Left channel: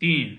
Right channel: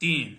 3,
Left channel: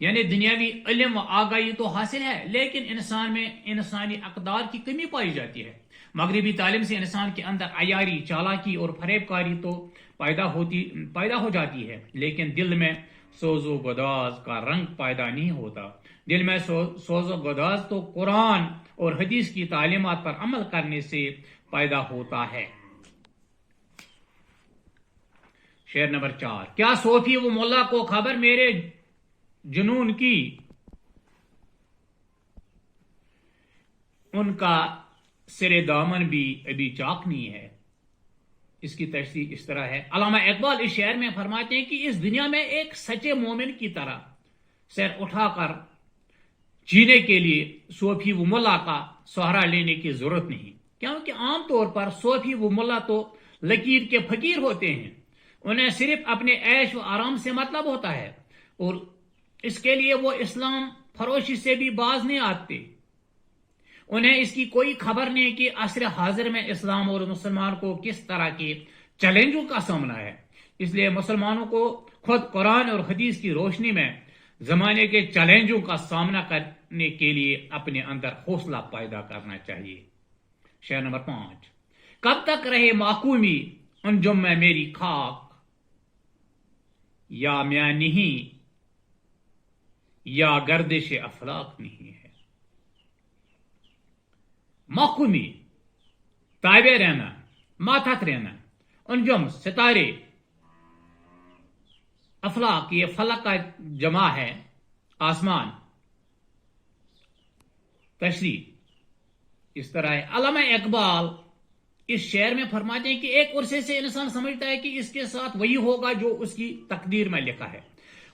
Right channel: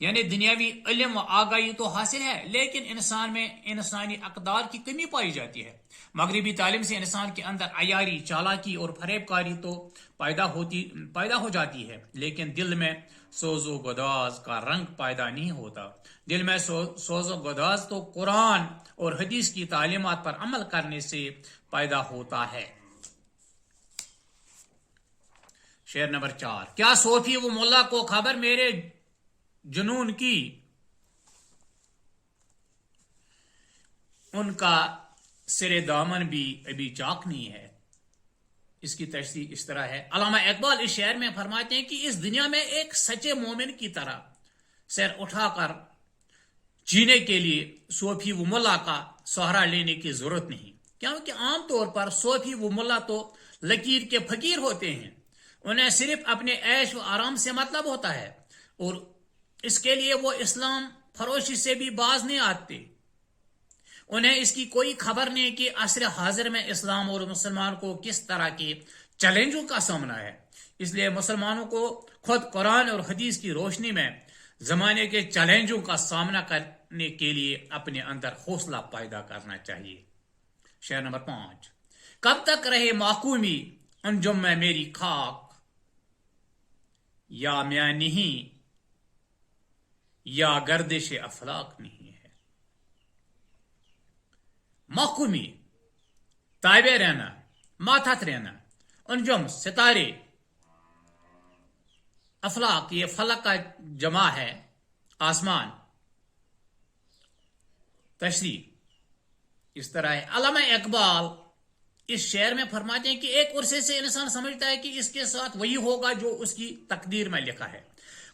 یعنی دنیاوی علم و آگاہی تو حاصل ہے لیکن انسان میں انسانی اقدار کی کمی پائی جاتی ہے۔ مغربی تعلیم سے انسان کے اندر عیاری، چالاکی اور فریب کاری تو پیدا ہو جاتی ہے لیکن دل میں سوز و گداز کا رنگ پیدا نہیں ہوتا۔ دل میں سوز و گداز تو قرآن اور حدیث کی تعلیمات پر عمل کرنے سے پیدا ہوتا ہے۔ شعر نمبر 4۔ کیا صوفی و ملا کو خبر میرے جنون کی، ان کا سر دامن بھی ابھی چاک نہیں ہے۔ اس کی تشریح اس طرح ہے۔ علامہ اقبال اس شعر میں فرماتے ہیں کہ اس دنیا میں ایک سچے مومن کی طرح سر اٹھا کر جینے کے لیے صوفی و ملا کا سہارا لینے کی ضرورت نہیں، کیونکہ عام طور پر صوفی و ملا تو لکیر کے فقیر ہوتے ہیں، انہیں صرف اپنے عیش و آرام سے مطلب ہوتا ہے اور اس کے لیے وہ اسلام فروشی سے بھی باز نہیں آتے۔ انہیں اس کی کوئی خبر نہیں کہ عصر حاضر میں اسلام اور مسلمان کو کس طرح کے چیلنجوں کا سامنا ہے۔ اس لیے مسلمانوں کو خود قرآن اور حدیث کی روشنی میں زمانے کے چیلنجوں کا سامنا کرنے کے لیے اپنے اندر حوصلہ پیدا کرنا چاہیے۔ شعر نمبر 5۔ کب تک رہے محکومی انجم میں میری خاک، یا میں نہیں یا گردش افلاک نہیں ہے۔ محکومی، تابع رہنا، ماتحت رہنا، انجم ستارے، افلاک یہ فلک کا جمع ہے، آسمان۔ تشریح اس طرح ہے۔ علامہ اقبال اس شعر میں فرماتے ہیں کہ ایک عرصے سے انسان سمجھتا ہے کہ اس کے ساتھ وہی ہوگا جو اس کی تقدیر میں لکھا ہے،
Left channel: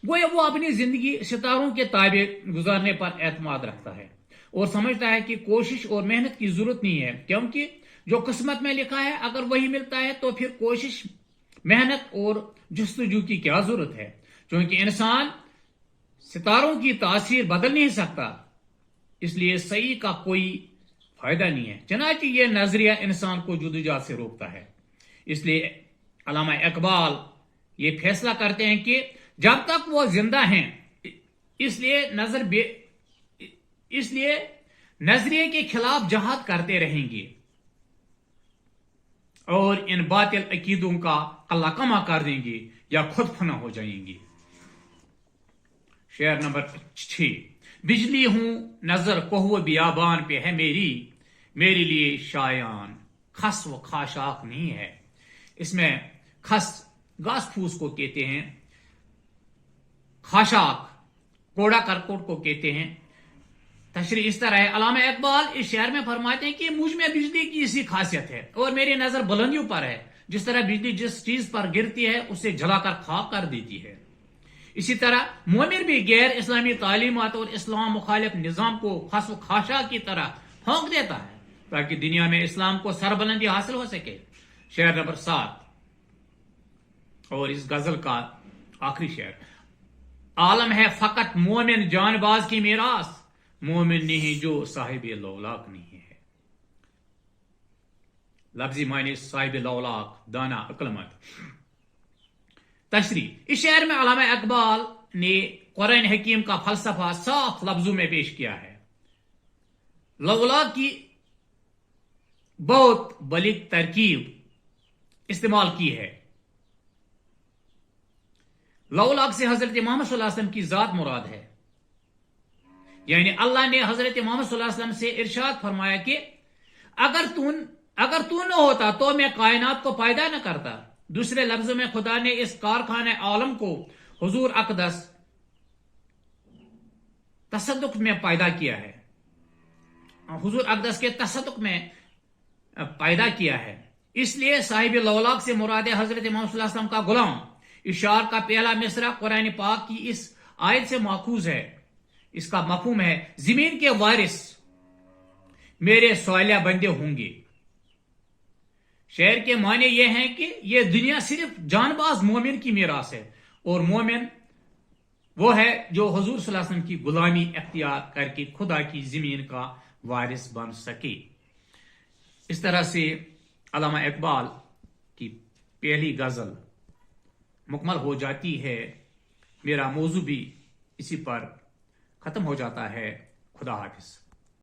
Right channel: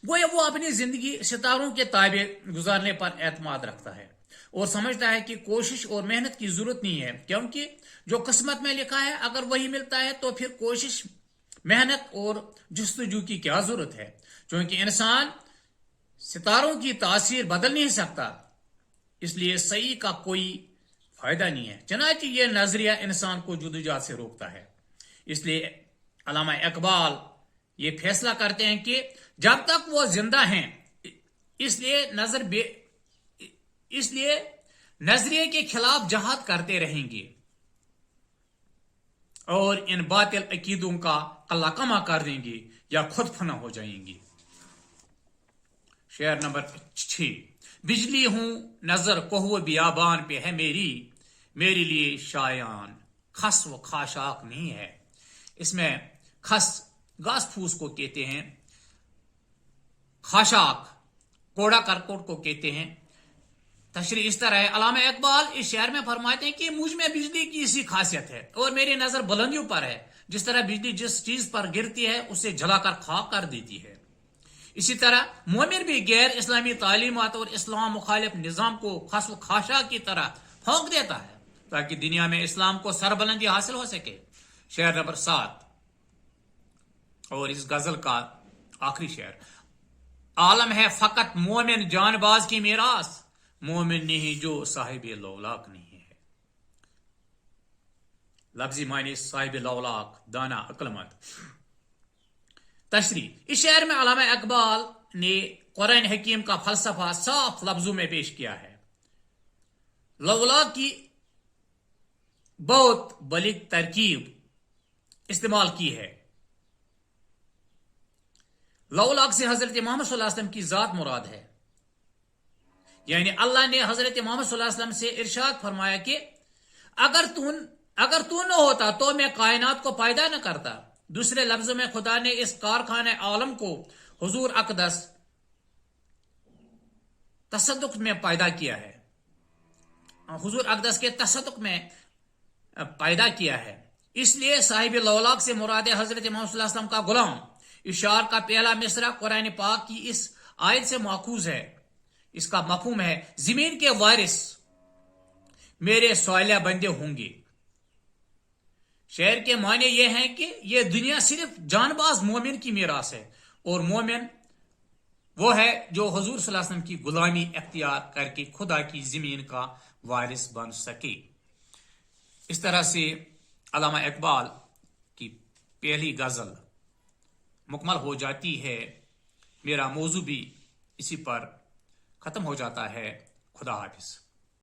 گویا وہ اپنی زندگی ستاروں کے تابع گزارنے پر اعتماد رکھتا ہے اور سمجھتا ہے کہ کوشش اور محنت کی ضرورت نہیں ہے، کیونکہ جو قسمت میں لکھا ہے اگر وہی ملتا ہے تو پھر کوشش، محنت اور جستجو کی کیا ضرورت ہے، چونکہ انسان ستاروں کی تاثیر بدل نہیں سکتا، اس لیے صحیح کا کوئی فائدہ نہیں ہے۔ چنانچہ یہ نظریہ انسان کو جدوجہد سے روکتا ہے۔ اس لیے علامہ اقبال یہ فیصلہ کرتے ہیں کہ جب تک وہ زندہ ہیں اس لیے نظریے کے خلاف جہاد کرتے رہیں گے اور ان باطل عقیدوں کا قلہ کما کر دیں گے یا خود فنا ہو جائیں گے۔ شعر نمبر 6۔ بجلی ہوں نظر کوہ بیابان پہ ہے میرے لیے شایان، خس و خاشاک نہیں ہے۔ اس میں خس گھاس پھوس کو کہتے ہیں، خاشاک کوڑا کرکٹ کو کہتے ہیں۔ تشریح اس طرح ہے۔ علامہ اقبال اس شعر میں فرماتے ہیں کہ مجھ میں بجلی کی اسی خاصیت ہے اور میری نظر بلندیوں پر ہے، جس طرح بجلی جس چیز پر گرتی ہے اسے جلا کر خاک کر دیتی ہے، اسی طرح مومن بھی غیر اسلامی تعلیمات اور اسلام مخالف نظام کو خس و خاشاک کی طرح پھونک دیتا ہے تاکہ دنیا میں اسلام کو سربلندی حاصل ہو سکے۔ شعر نمبر 7 اور اس غزل کا آخری شعر۔ عالم ہے فقط مومن جان باز کی میراث، مومن نہیں جو صاحب لولاک نہیں ہے۔ لفظی معنی صاحب لولاک، دانا، عقل مند۔ تشریح اس شعر میں علامہ اقبال نے قرآن حکیم کا فلسفہ صاف لفظوں میں پیش کیا ہے۔ لولاک کی بہت بلیغ ترکیب استعمال کی ہے۔ لولاک سے حضرت محمد صلی اللہ علیہ وسلم کی ذات مراد ہے، یعنی اللہ نے حضرت محمد صلی اللہ علیہ وسلم سے ارشاد فرمایا کہ اگر تو نہ ہوتا تو میں کائنات کو پیدا نہ کرتا۔ دوسرے لفظوں میں خدا نے اس کارخانہ عالم کو حضور اقدس تصدق میں پیدا کیا ہے، حضور اقدس کے تصدق میں پیدا کیا ہے۔ اس لیے صاحب لولاک سے مراد حضرت محمد صلی اللہ علیہ وسلم کا غلام۔ اشعار کا پہلا مصرع قرآن پاک کی اس آیت سے ماخوذ ہے۔ اس کا مفہوم ہے زمین کے وارث میرے صالح بندے ہوں گے۔ شعر کے معنی یہ ہیں کہ یہ دنیا صرف جان باز مومن کی میراث ہے اور مومن وہ ہے جو حضور صلی اللہ علیہ وسلم کی غلامی اختیار کر کے خدا کی زمین کا وارث بن سکے۔ اس طرح سے علامہ اقبال کی پہلی غزل مکمل ہو جاتی ہے۔ میرا موضوع بھی اسی پر ختم ہو جاتا ہے. خدا حافظ.